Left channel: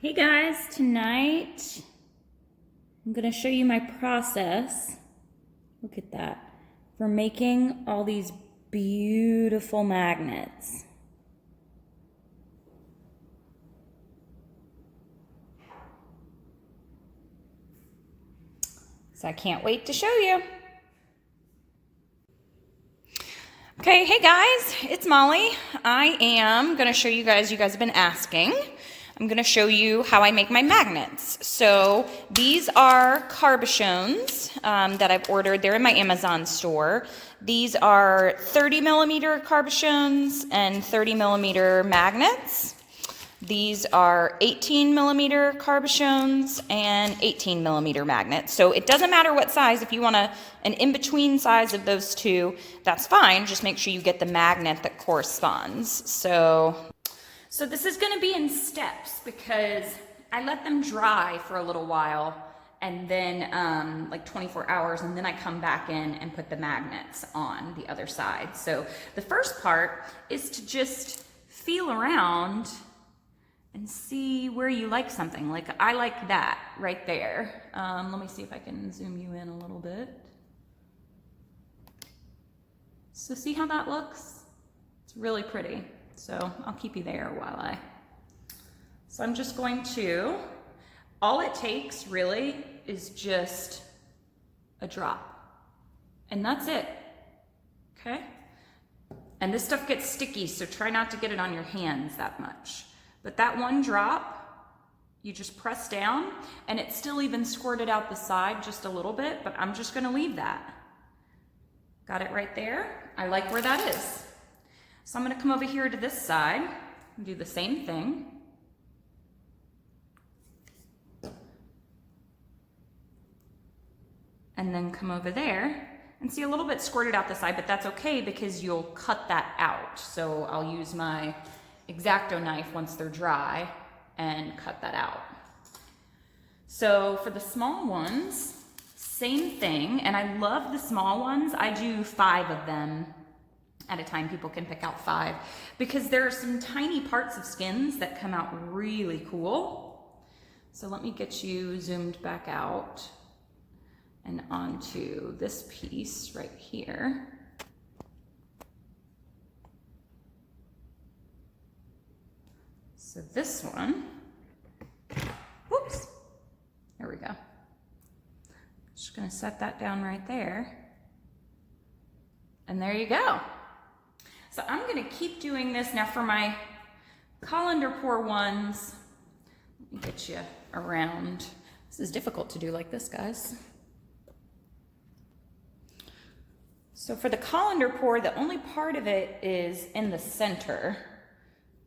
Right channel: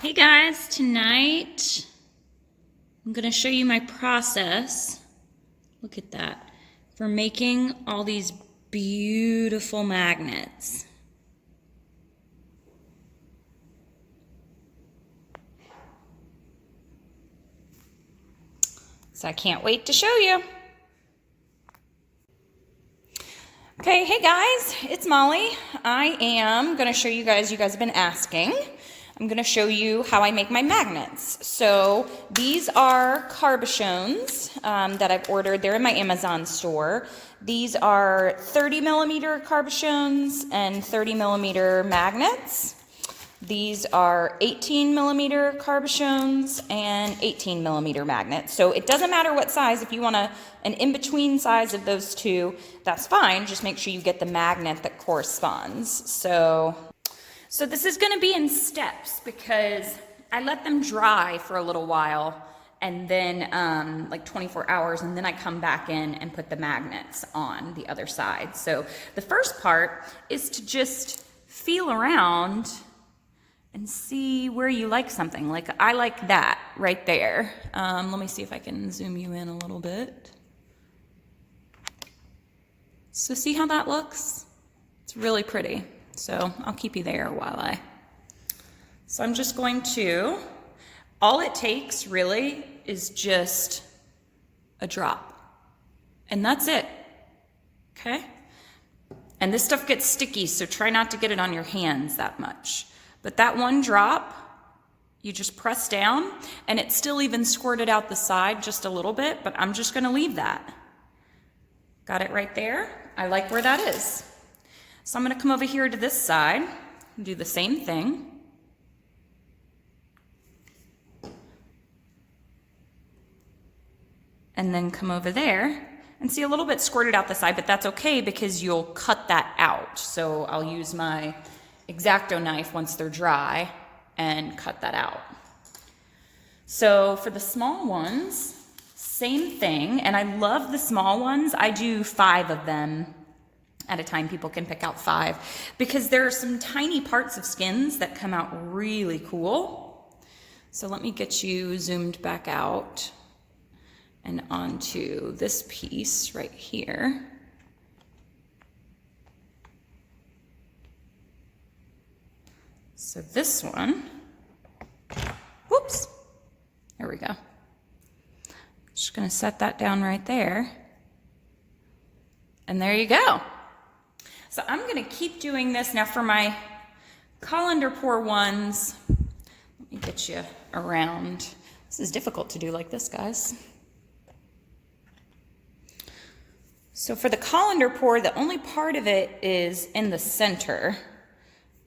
Hey guys, tonight I'm going to show you my process. Look at that. For making all these beautiful magnets. So I can't wait to show you. Okay, hey guys, it's Molly. I am going to show you guys have been asking. I'm going to show you how I make my magnets. So these are carbochons that I've ordered. They're in my Amazon store. These are 30 millimeter carbochons and 30 millimeter magnets. These are 18 millimeter carbochons and 18 millimeter magnets. So it doesn't matter what size. If you want an in-between size of those two, that's fine. Just make sure you get the magnet that corresponds. So this is going to be in steps because I let them dry for a little while and then like 24 hours, and then I come back in and put the magnets on the other side. So the first part is to just feel around and see where you like something. Like I like that right there. Let me see if I can zoom you in a little bit. So see how that looks? It's really pretty. So I'll keep you there so I'm just going to, all it takes really is just a drop. And that's it, okay? And this stuff gets sticky, so try not to get it on your hands that much. But that one drop, you just press down, and it's still even squirted out the side just a little bit, but I'm just gonna leave that. Got it right there? I like where that is. So I'm gonna come over here to this side and do the same thing. And then come over there and see a little bit squirted out the side, but that's okay because you'll cut that out. So I'll use my X-Acto knife once they're dry and cut that out. So for the small ones, same thing. And I love the small ones. I do 5 of them at a time. People can pick out 5 because there are some tiny parts of skins that come out really cool. So let me get you zoomed back out and onto this piece right here. So this one, whoops, there we go. Just gonna set that down right there. And there you go. So I'm gonna keep doing this. Now for my colander pour ones, let me get you around. This is difficult to do like this, guys. So for the colander pour, the only part of it is in the center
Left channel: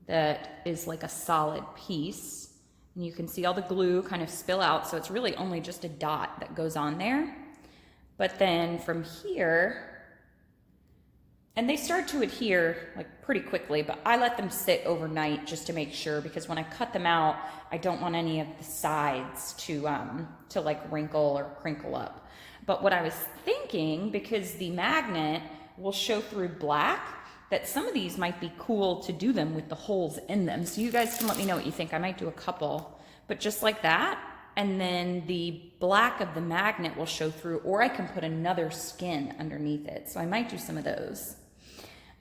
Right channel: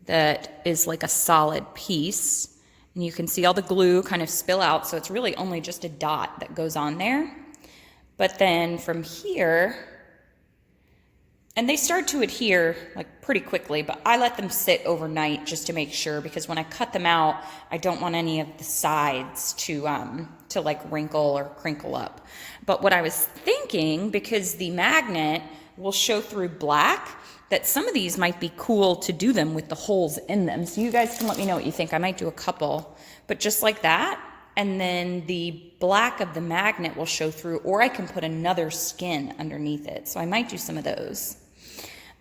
that is like a solid piece. And you can see all the glue kind of spill out, so it's really only just a dot that goes on there. But then from here, and they start to adhere like pretty quickly, but I let them sit overnight just to make sure, because when I cut them out, I don't want any of the sides to like wrinkle or crinkle up. But what I was thinking, because the magnet will show through black, that some of these might be cool to do them with the holes in them. So you guys can let me know what you think. I might do a couple, but just like that. And then the black of the magnet will show through, or I can put another skin underneath it. So I might do some of those.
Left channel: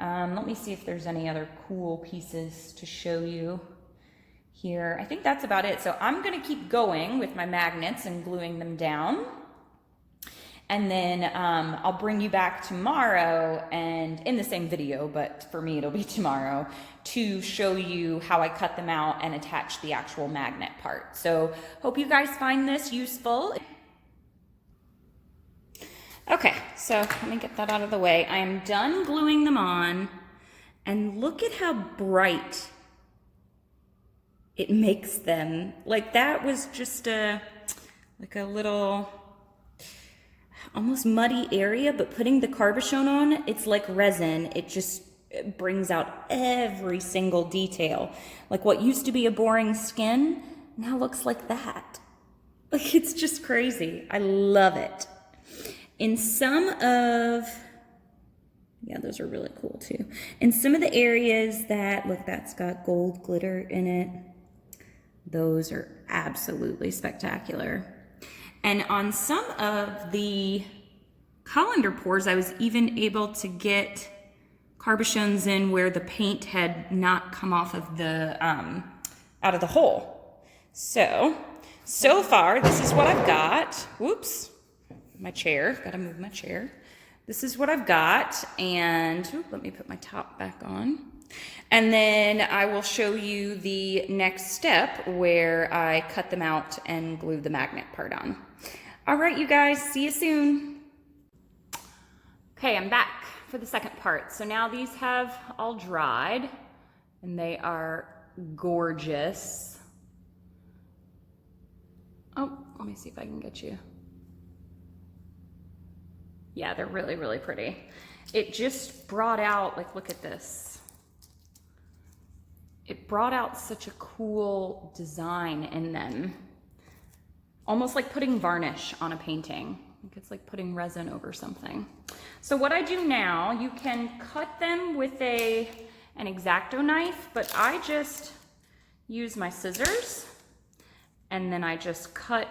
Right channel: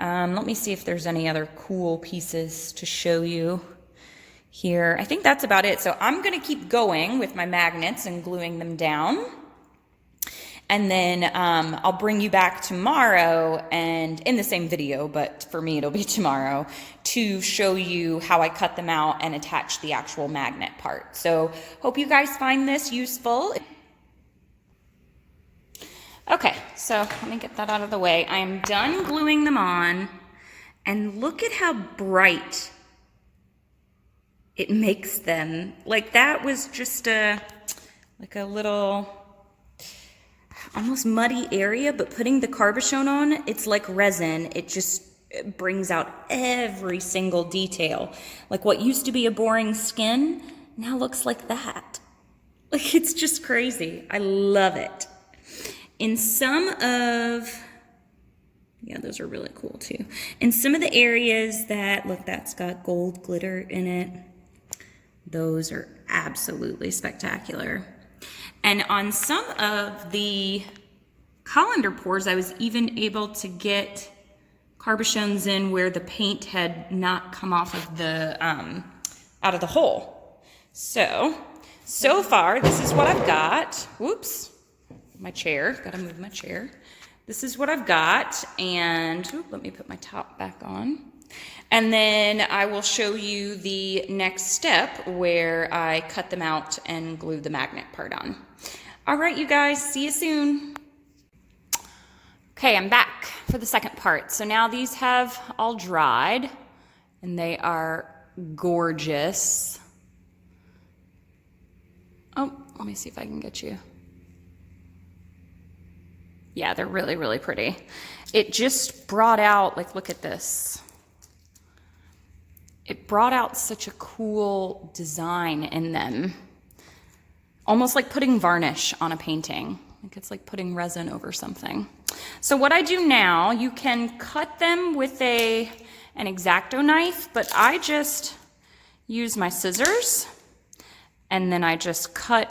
Let me see if there's any other cool pieces to show you here. I think that's about it. So I'm gonna keep going with my magnets and gluing them down. And then I'll bring you back tomorrow, and in the same video, but for me it'll be tomorrow, to show you how I cut them out and attach the actual magnet part. So hope you guys find this useful. Okay, so let me get that out of the way. I am done gluing them on, and look at how bright it makes them. Like that was just like a little almost muddy area, but putting the carbochon on, it's like resin. It just brings out every single detail. Like what used to be a boring skin now looks like that. Like it's just crazy. I love it. In some of, yeah, those are really cool too. In some of the areas that, look, that's got gold glitter in it. Those are absolutely spectacular. And on some of the colander pours, I was even able to get carbochons in where the paint had not come off of the, out of the hole. So far, this is what I've got. Whoops, my chair, gotta move my chair. This is what I've got, and let me put my top back on. And then I will show you the next step where I cut them out and glue the magnet part on. All right, you guys, see you soon. Okay, I'm back for the second part. So now these have all dried and they are gorgeous. Oh, let me see if I can get you. Yeah, they're really, really pretty. It just brought out, like, look at this. It brought out such a cool design in them. Almost like putting varnish on a painting. Like it's like putting resin over something. So what I do now, you can cut them with an X-Acto knife, but I just use my scissors and then I just cut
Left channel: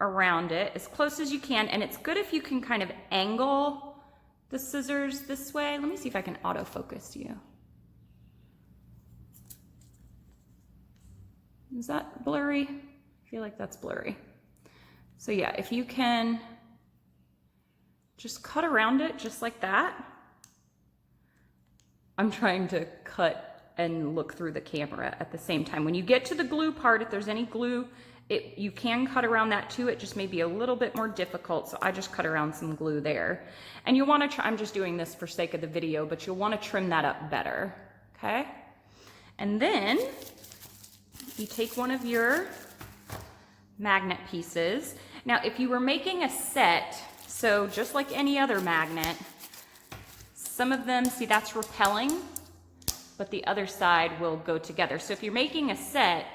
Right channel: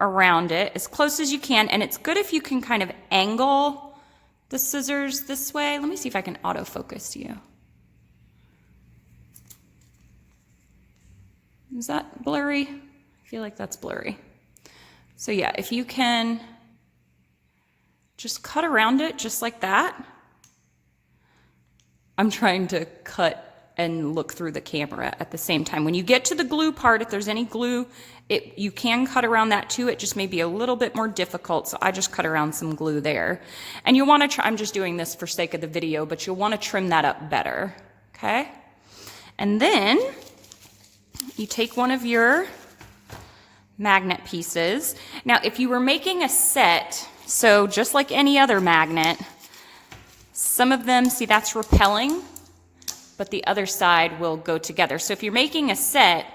around it as close as you can. And it's good if you can kind of angle the scissors this way. Let me see if I can autofocus you. Is that blurry? I feel like that's blurry. So yeah, if you can just cut around it just like that. I'm trying to cut and look through the camera at the same time. When you get to the glue part, if there's any glue, you can cut around that too. It just may be a little bit more difficult, so I just cut around some glue there. And you'll want to try, I'm just doing this for sake of the video, but you'll want to trim that up better, okay? And then you take one of your magnet pieces. Now, if you were making a set, so just like any other magnet, some of them, see that's repelling, but the other side will go together. So if you're making a set,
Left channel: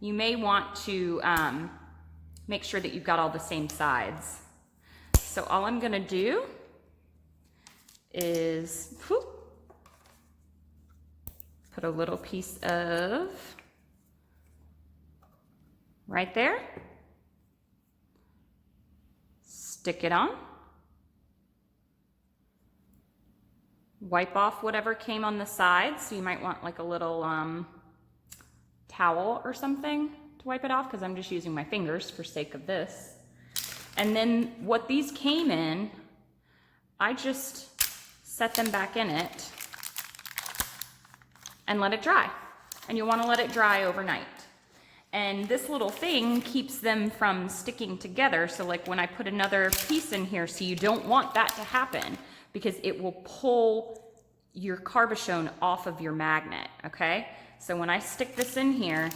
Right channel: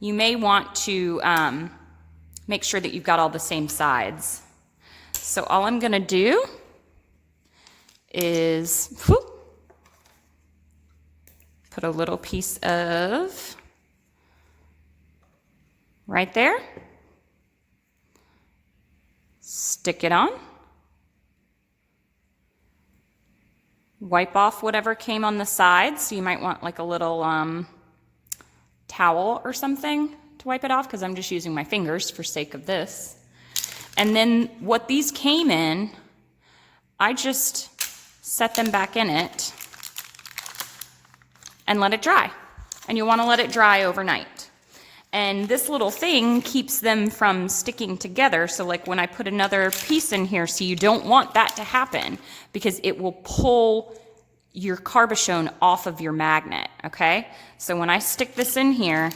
you may want to make sure that you've got all the same sides. So all I'm gonna do is put a little piece of right there, stick it on, wipe off whatever came on the sides. So you might want like a little towel or something to wipe it off, because I'm just using my fingers for sake of this. And then what these came in, I just set them back in it and let it dry. And you want to let it dry overnight. And this little thing keeps them from sticking together. So like when I put another piece in here, so you don't want that to happen, because it will pull your carbochon off of your magnet, okay? So when I stick this in here,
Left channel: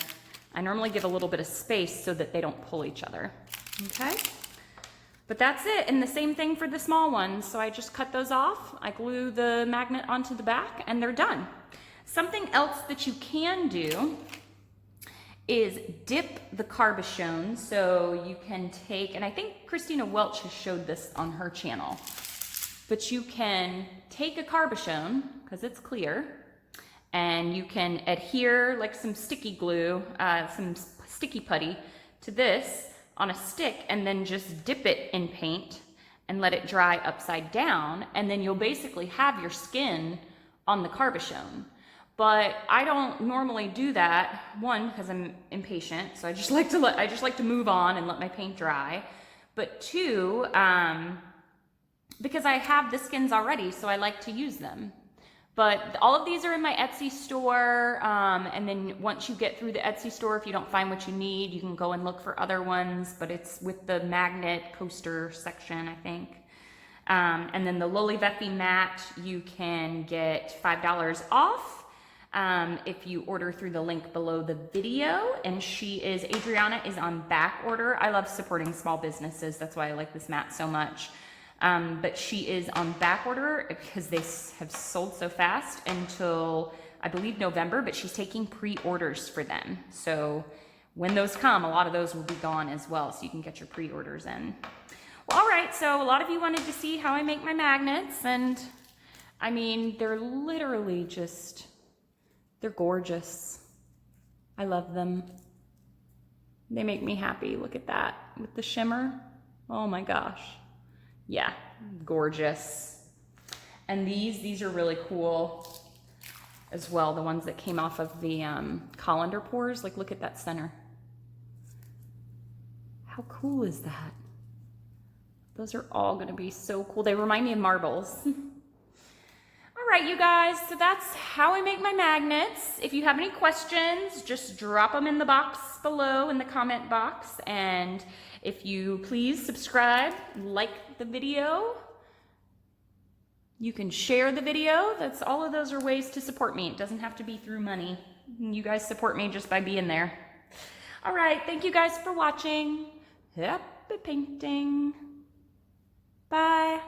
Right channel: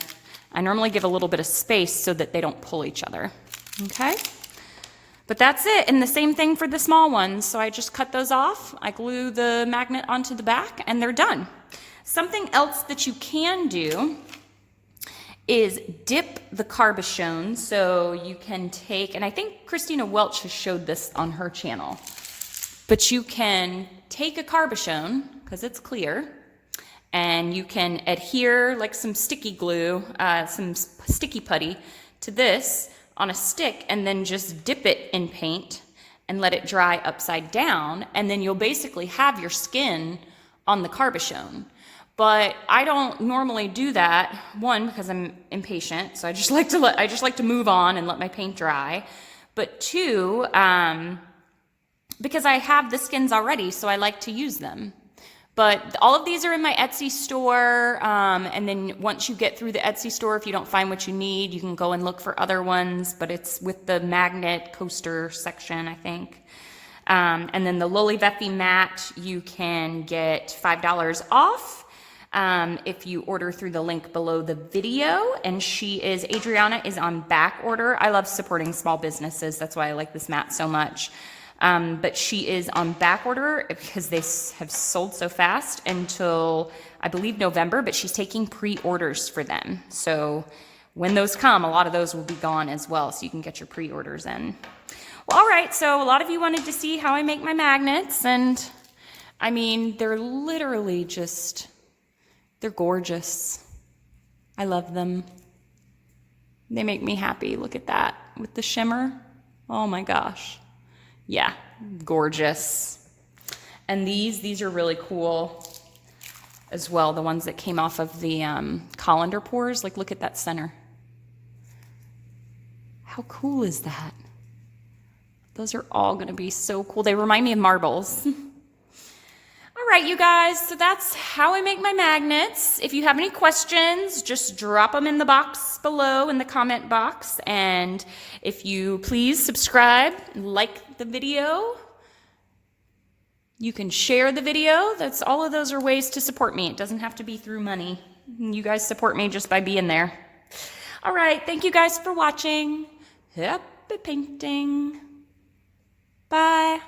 I normally give a little bit of space so that they don't pull each other, okay? But that's it, and the same thing for the small ones. So I just cut those off, I glue the magnet onto the back, and they're done. Something else that you can do is dip the carbochon. So you can take, and I think Christina Welch has showed this on her channel, but you can take a carbochon, because it's clear, and you can adhere like some sticky glue, some sticky putty to this on a stick, and then just dip it in paint and let it dry upside down, and then you'll basically have your skin on the carbochon. But I don't normally do that, one, because I'm impatient, so I just like to move on and let my paint dry. But two, because I have the skins already, so I like to use them. But all of these are in my Etsy store, and then once you get through the Etsy store, if you don't find what you need, you can go and look for other ones, but it's with the magnet coaster section, I think. And then the LoliVEFE mat, you can get $5 off if you order through the link below the video. And Adriana is on back order. I love supporting small businesses. That's why I like this mat so much. But she is on back order because they have sold so fast until, I believe, November, but she's taking pre-orders for them. So when those come, a lot of those will be gone as well, so you can get your pre-orders in. Well, all right, so a lot of you wanted to see how I make my magnets, and I mean, they're literally just, they're gorgeous. I love them. They make me happy. Look at that with the shimmer. Oh my gosh. Yeah, gorgeous. And these are really cool as well. The ones that came off of the colander pours. Like, look at that center. How cool is that? Those are all gonna be so cool. They remind me of marbles. All right, you guys, so that's how I make my magnets. If you have any questions, just drop them in the box below in the comment box. And if you please subscribe, like the video, you can share the video. That's all of those are ways to support me. It doesn't have to be through money. You guys support me just by being there. All right, thank you guys for watching. Happy painting. Bye.